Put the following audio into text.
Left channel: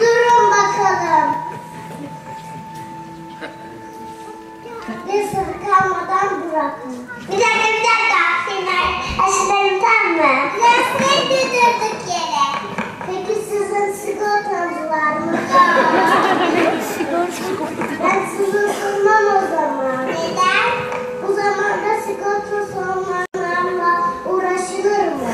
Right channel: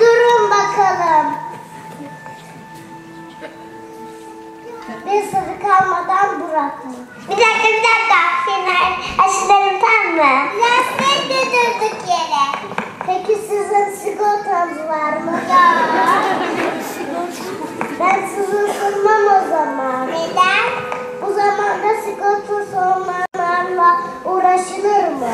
Durun bakalım. Bir sırrı kalmadan bırakın. Bir dakika. Senin aşıların tam mı? Lastik durduk yere. Peki sizin sigortanız var mı? Ben sizi sunmam o zaman. Neden? Bu zamanda sigortası olmayanlarla uğraşılır mı?